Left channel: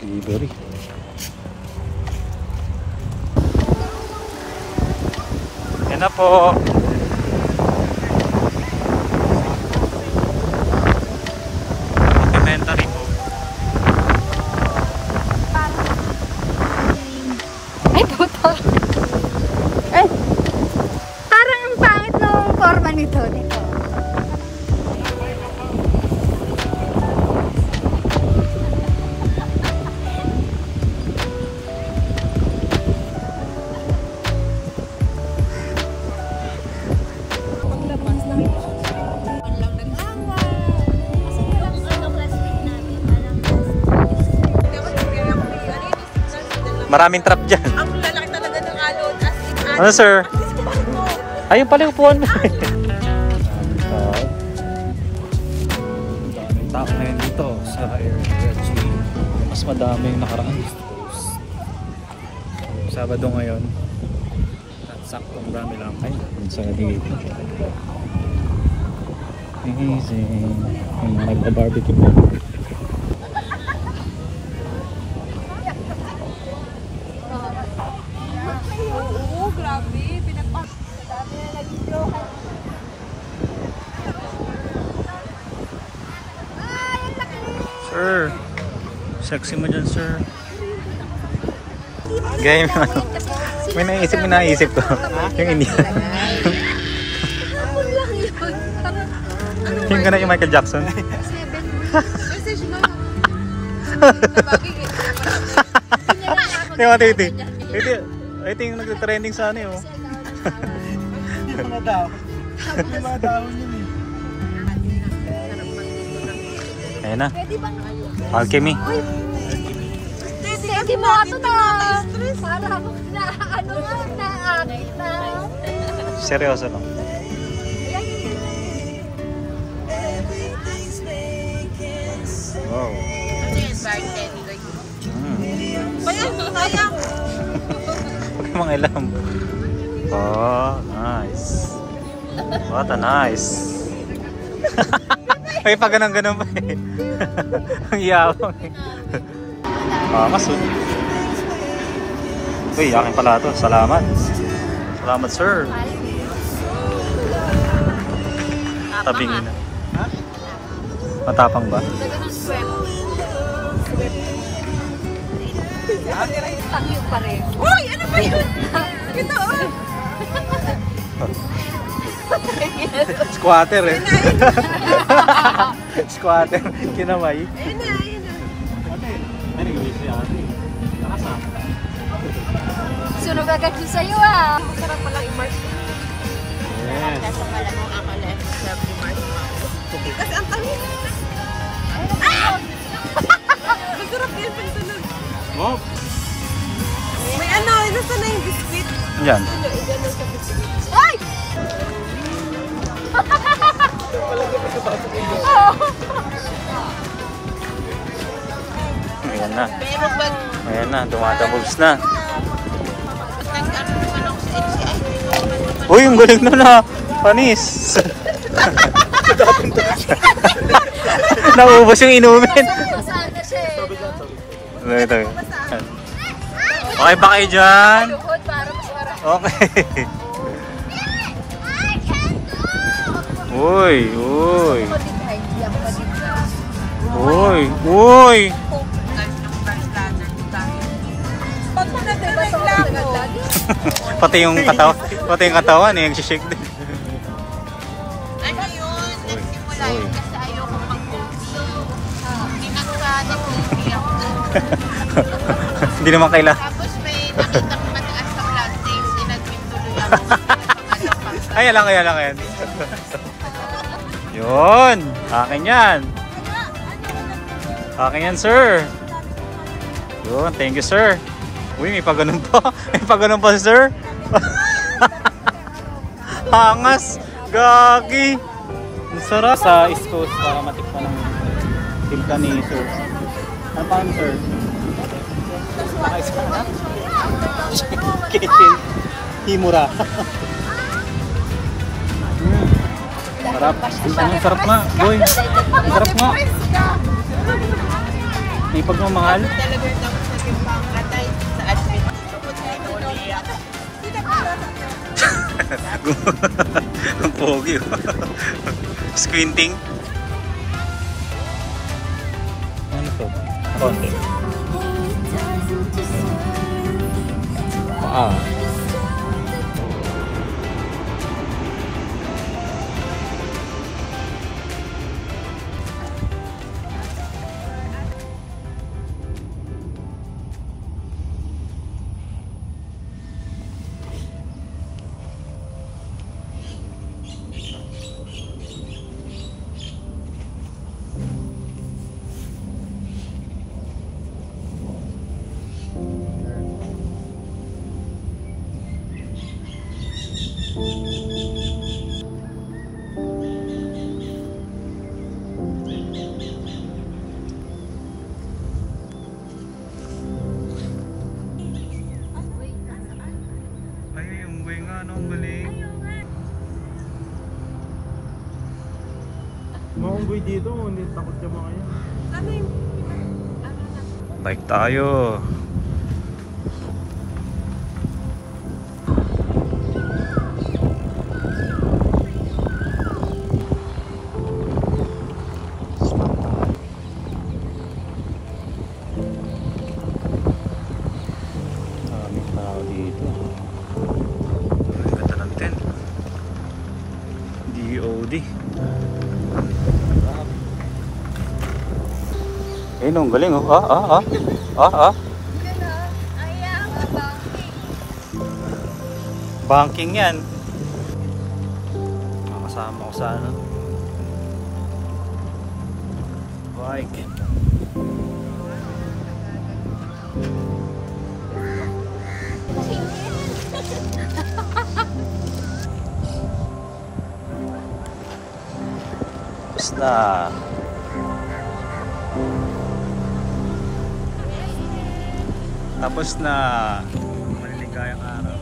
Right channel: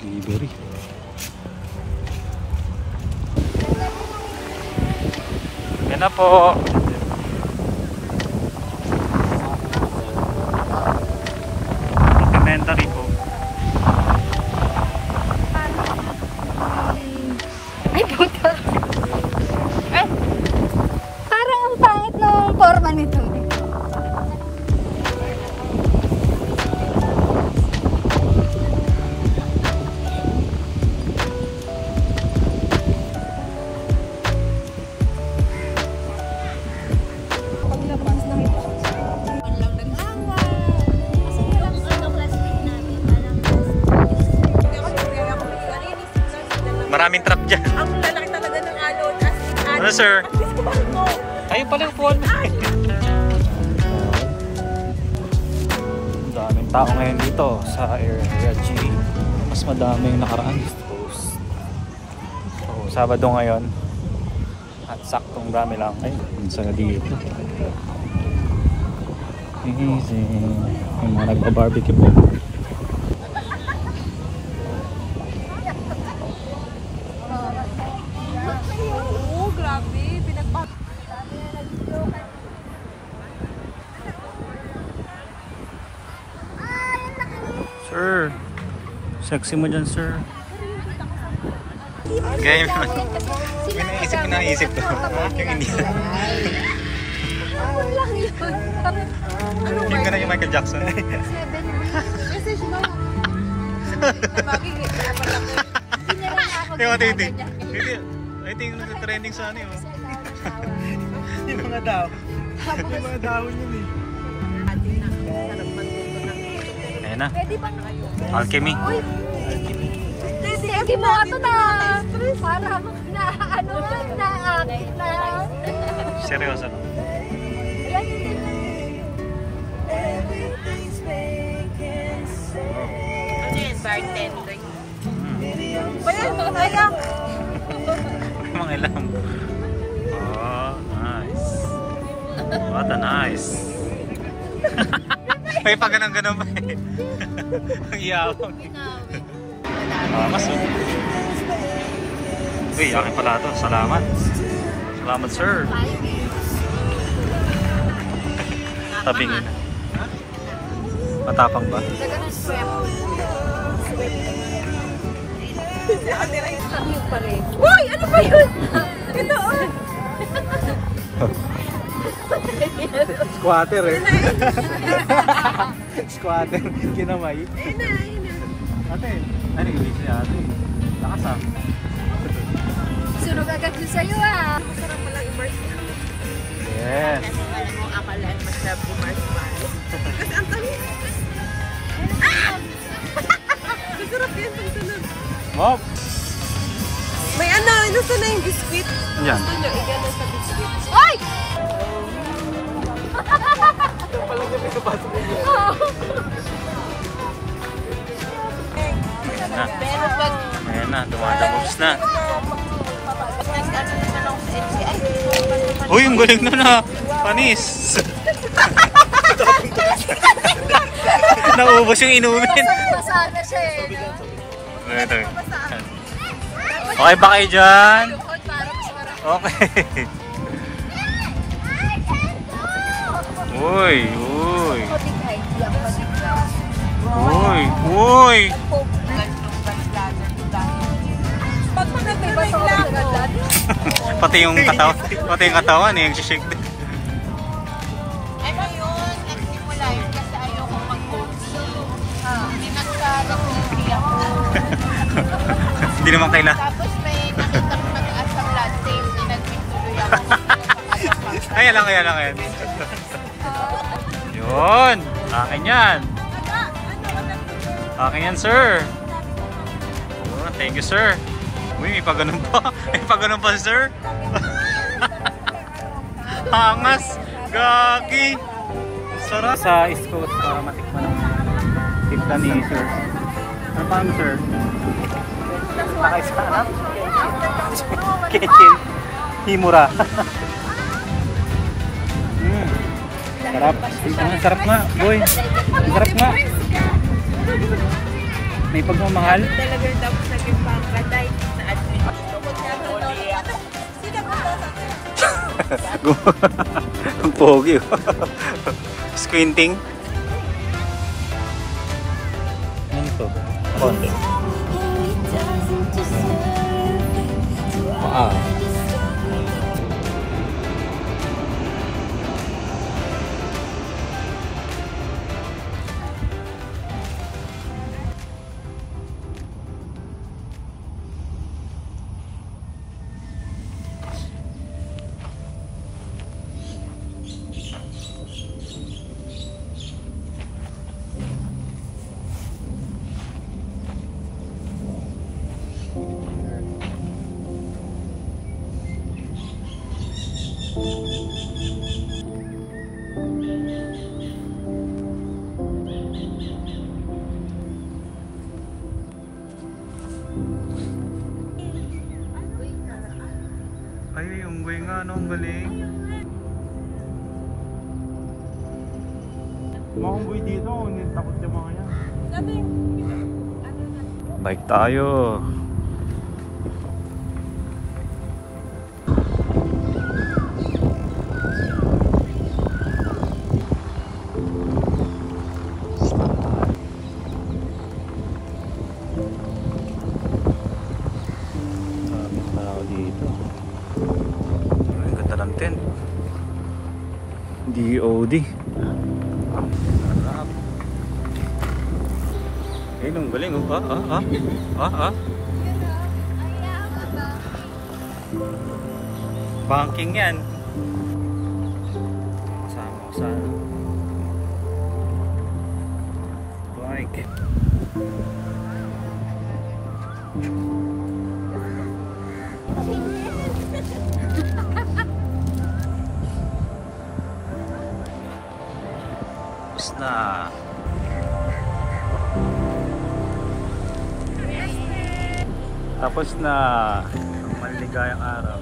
Delivery. Yan na po. Documentary po. Ay, puto. Eh, parang ang pangit ng forma nito. Maraming trap dyan. Ano sir? Ayun pala yung upuan mo. Daming tao ngayon dito sa Area G. Mas madaming nakaraan. So, Sabado ngayon. At saktong dami lang. Ay, sa dito. Easy. Yung mga nagpa-barbecue po. Sir, sexy mo dyan, sir. Game. May naisip ko. Yung Indian. Yung gana yung Michael Jackson. Ito yung nag-trending sa ano yun. Yung mga dahon. Yung mga dahon yun eh. Ayan na. Alchemy. Hindi mo ito na. Parang na ano na. Seryoso lang. Wow. Ano yun? Bartender. Huwag mga alam. Oh, nice. What a nice. May pa ganun-ganun pa eh. Ang yawang eh. Maso. Uy, akin pala ito. Salamat. Salamat, sir. Tabingin na. Matapang ba? Uy! Ano ba yun? Ito oh! Squatter eh. Squatter. Kinamay. Ayun na, ayun na. Ate, ano English niya ate? Nakasama. Sunog agad yun sa'yo ah. Masarap palang i-marshmallow. Yes. Kasi alam mo, akala yung masarap i-marshmallow. Kasi ang tamis. Ah! Masarap yun yung tunog. Wow. May ano, nasa na yung biscuit. Yan. Ay! Ayan na. Ayan na, dumadabobs na. Uy, ang galing na na. Panis. Naubos yung inumin. Ito. Okay ba kayo dyan? Okay. Uy, uy. Uy, uy. Pati yung katawan eh, yung shake din. Ano yun? Nagsimula yun kasi ayaw kong mag-cozy. Hindi nagka-nag-cozy ako. Hindi naman kailangan. Tapos may nakitang mataas sa blood taste. Nagpintuloy ako. Ay, ayan lang. Yun. Akin yan. Akin yan, sir. Yun, thank you, sir. Uy, may paganon pa. May paganon pa, sir. Hangas. Gagi. Ang sarap. Sa East Coast para matikman ng timpla ni sir. Ano pa yun, sir? Nakaisa na? Kitchen. Himura. Sarap. Ang sarap nga, boy. Ang sarap nga. May pagmamahal? Talaga tapos naging pangkatay sa admin. Ang pogi. Squinting. Ano to? Konti. Paa. Ay, unggoy nga, no? Ang galing. Mga unggoy dito, hindi takot yung mga yan. Sabi yung ano na. Bike tayo. Maraming tao dito. Ang ganda ng tent. DOD. Ayun, ang galing oh. Banking yan. Makasama ko sa ano. Bike. Tapos na. Tapos na ang maliligayang araw.